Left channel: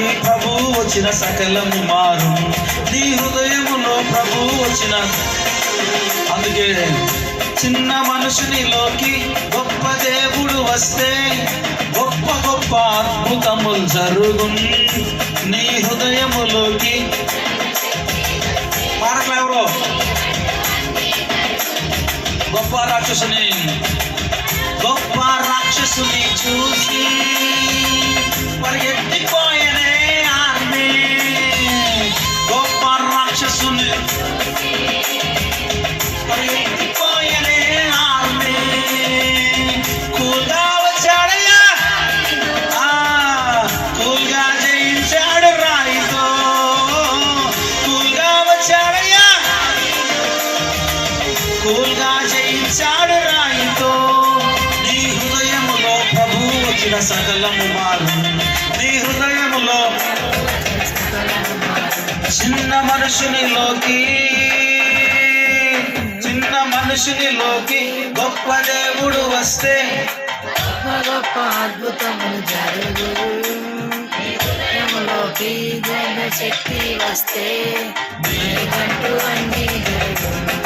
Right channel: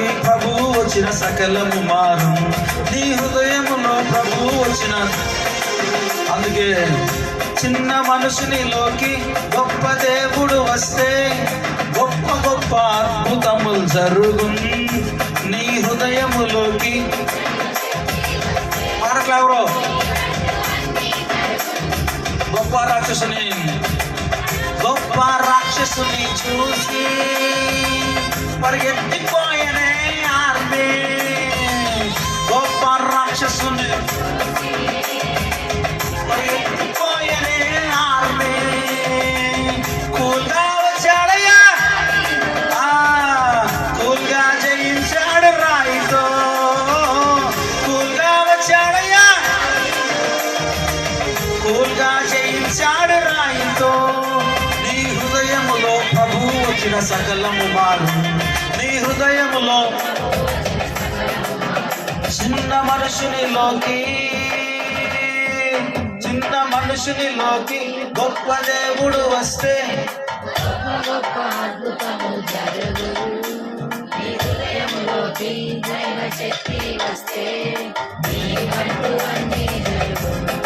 హృదయములోకి ప్రభువు వచ్చిన సకలము మారు. నీ హృదయములో ప్రభువు వచ్చిన, అందుకే చిన్న మనుషునిలోకి గొప్ప దేవుడు వస్తే గొప్ప గొప్ప అద్భుతములు జరుగును. నీ హృదయములోకి మారట్లేవరో గొప్ప రాక్షసుని చూసి పరిగెత్తిపోయనే ఆర్మీ. గొప్ప రాక్షసుని పరిగెత్తిపోయనే ఆర్మీ. కూల్గా వచ్చాడయ్యా, కూల్గా జయించాడు రాయితో. కూల్గా వచ్చాడయ్యా, కూల్గా జయించాడు రాయితో. నీ హృదయములో ప్రభువు వచ్చిన సకలము మారు. నీ హృదయములో చిన్న మనుషునిలోకి గొప్ప దేవుడు వస్తే గొప్ప అద్భుతములు జరుగును. నీ హృదయములోకి దైవ శక్తి వస్తే నీకంటూ అన్నీ జరుగును.